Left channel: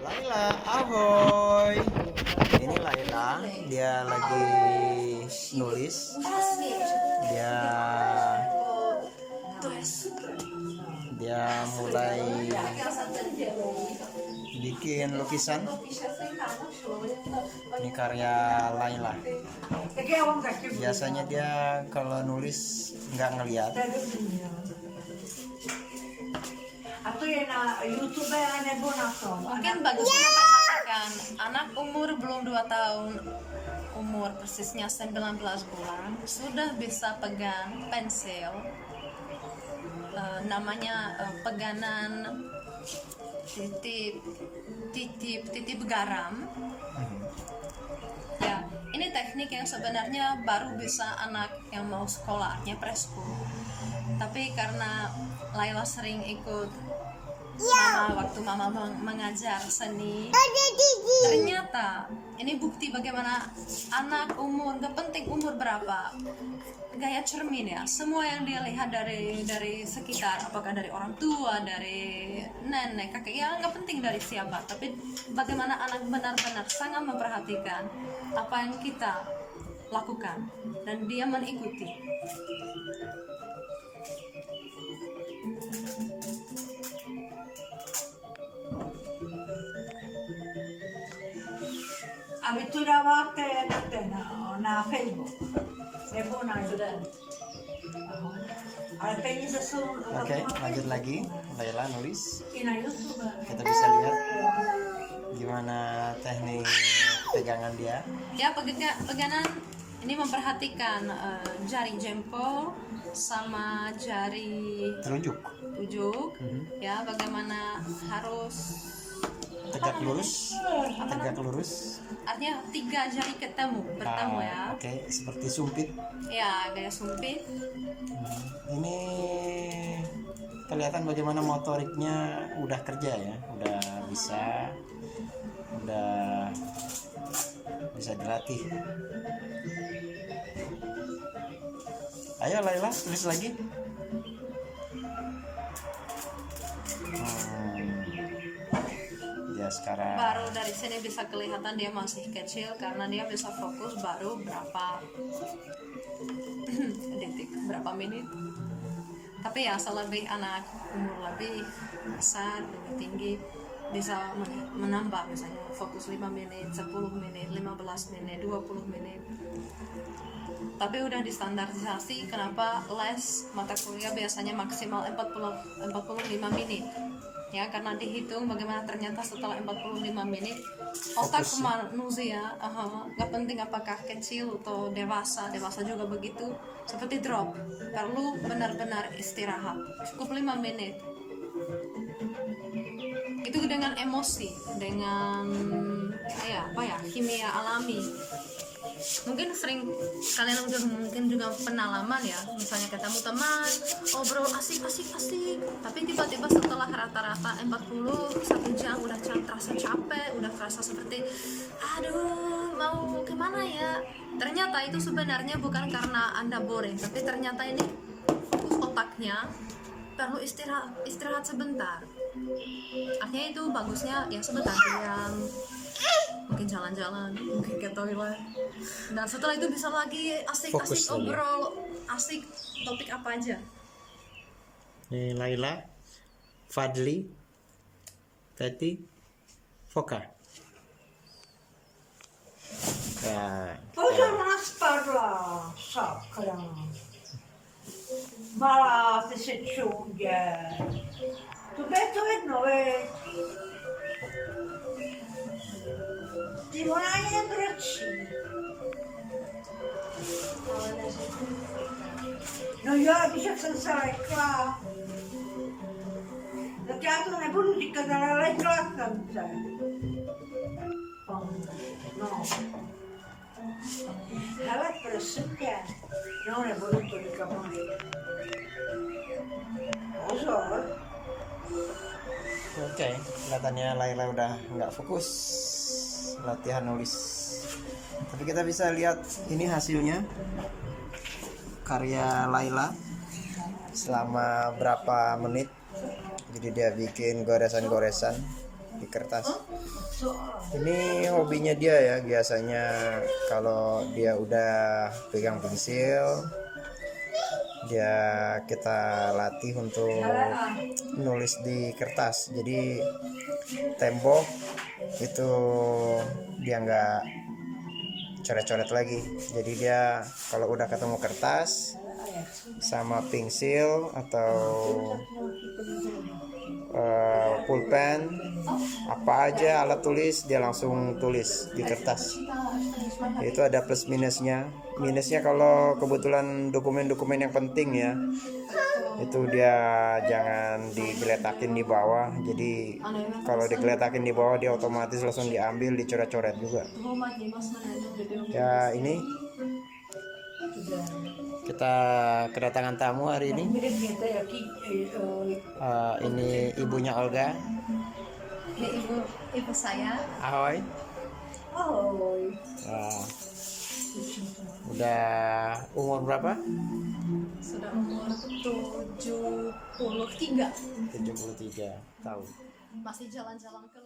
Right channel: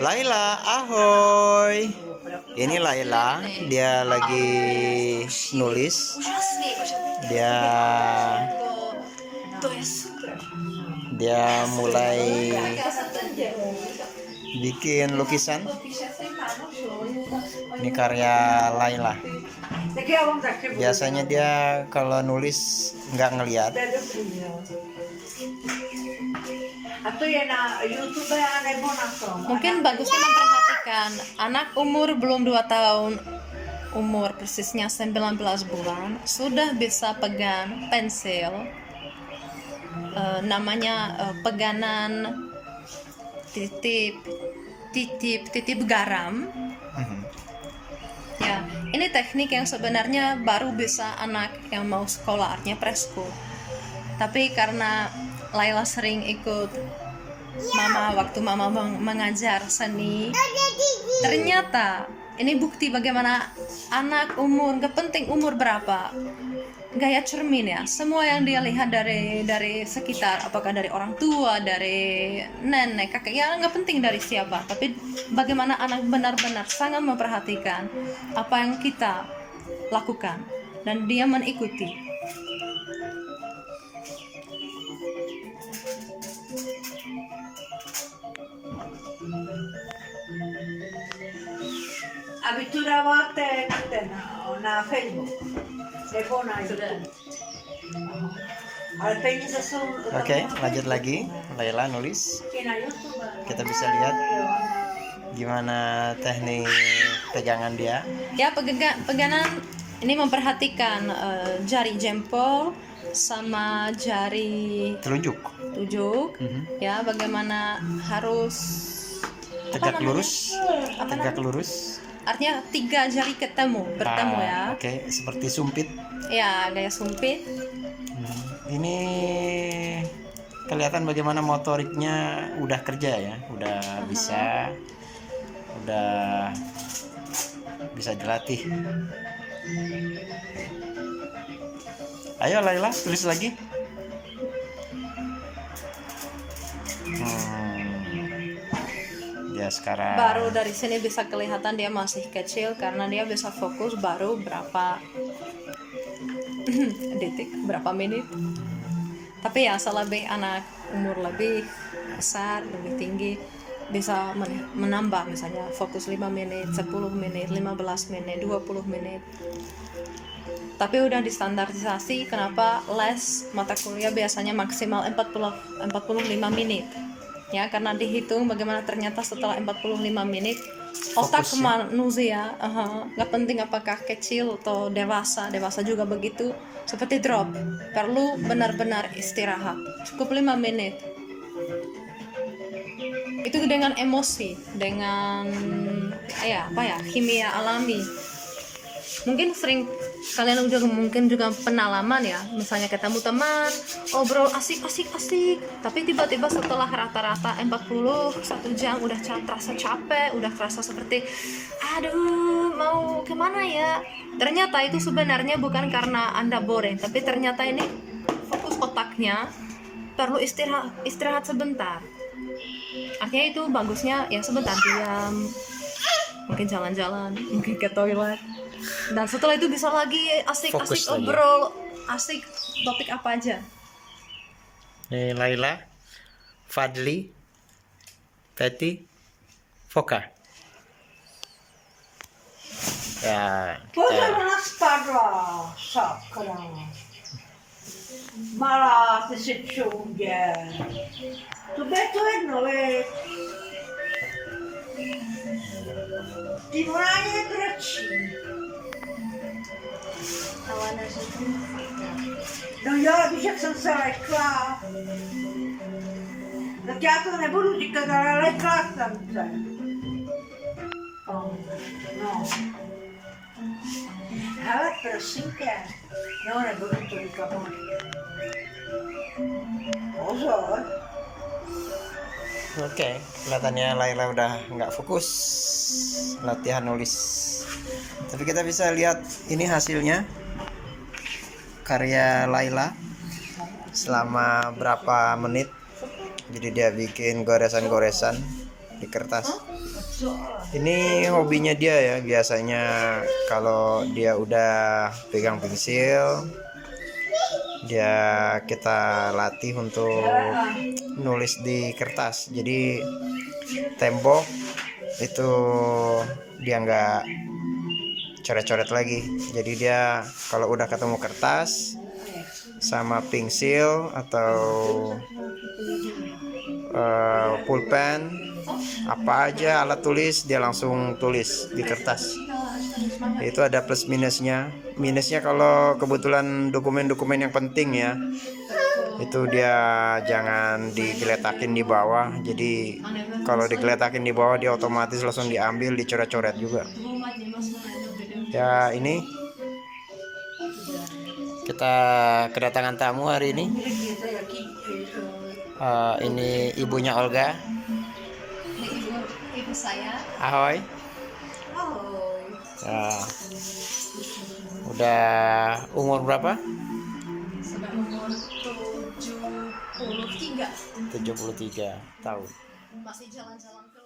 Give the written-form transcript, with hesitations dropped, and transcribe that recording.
Laila, ahoy. Ini Laila, dia lagi nulis. Dia mulai bikin lukisan. Ini karya Laila. Biasanya dia kalau nulis nggak ngeliat. Mungkin bagusnya memperhatikan anak umur belum 2 tahun, umur persisnya 19 bulan, sudah bisa pegang pensil, namanya pegangan titip garam. Ya, ini teknik yang sebenarnya baru bisa anak yang mau sekolah, artinya preschool. Tapi karena Laila sering ikut waktu mama mengajar seni, ternyata ini bukti bagaimana anak umur, gak penting umur berapa, gaya cermin ya, semua yang dia lihat dari sekitar, apakah dari orang tua, dari nenek, kakek, ya gak penting dari siapa, tapi bagaimana anak benar-benar sangat memperhatikan apa yang kita lakukan dan dia mengikuti. Abituravate na Facebook. Oke, lanjut lagi. Laila nulis. Kita bisa lihat gimana teknik pegangan dia. Ya, pegangan ini memperhatikan jari jempol sama jari Telunjuk. Ya, bagaimana harus Tegak lurus. Artinya 3 jari bertemu ya. Oke, seperti sumpit. Ya, gaya sumpit. Ini kelihatan bagaimana motoriknya udah kerja ya, udah bisa dilatih. Ayo Laila, tulis lagi. Dia sekarang Baru dari sini bisa kelihatan dia masih kecil karena dia bisa fokus baru berapa detik, berapa menit. Tapi ya selebih anak umur lebih besar, lebih tinggi bisa menambah, misalnya fokus 5 menit, 10 menit, 15 menit, 20 menit. Tapi udah distandarisasi kenapa les mata kuliah biasanya maksimal 45 menit. Ya, karena dihitung bagaimana ternyata setelah 45 menit otak manusia, nggak penting apakah kecil atau dewasa juga begitu, seperti drop, perlu benar-benar istirahat, cukup 5 menit. Itu dengan emosi, dengan kimia alami. Mungkin sering kalian mungkin juga pengalaman ya, misalnya ketemu teman, obrol asik, tapi tiba-tiba setelah rata-rata 1 jam udah terasa capek, udah terasa seperti aduh mau kemana ya. Ternyata itu sebenarnya bukan karena Anda boring, tapi ternyata ini fokus otaknya perlu istirahat sebentar. Artinya itu bagusnya ya sebentar diam, mungkin jalan-jalan, mungkin ke toilet, dan setelah itu bisa lagi asik obrol, asik topik apa aja. Nih Laila, Fadli, Teti, Foka. Ya. Malah sesungguhnya. Tu beto è nove. Ti vorrei braccini. Non io la dice senza la qua. La teatro ne bulu di cagare la classe, no. Allora per sempre non è voluto di capone. Oke, kelihatannya Laila udah nggak fokus latihan nulis. Tapi kita bisa lihat ini hasilnya karya Laila selama berapa menit. Jadi dia bikin goresan-goresan di kertas. Ini hobinya dia ya, biasanya kalau dia udah pegang pensil, kita latih untuk nulis di kertas. Jadi tembok itu dia nggak coret-coret lagi. Jadi dia kalau udah ketemu kertas sama pensil atau pulpen, apa aja alat tulis, dia langsung tulis di kertas. Itu ada plus minusnya. Minusnya kalau kebetulan dokumen-dokumen yang penting ya, itu dia jangan digeletakin di bawah. Jadi kalau digeletakin di bawah dia otomatis langsung diambil, dicoret-coret juga. Ya, ini kita kedatangan tamu hari ini. Ini ibunya Olga. Ini ibu saya. Ahoy. Oh, Ya. Udah umur berapa? Sudah umur 73 73 tahun. masih jalan-jalan ke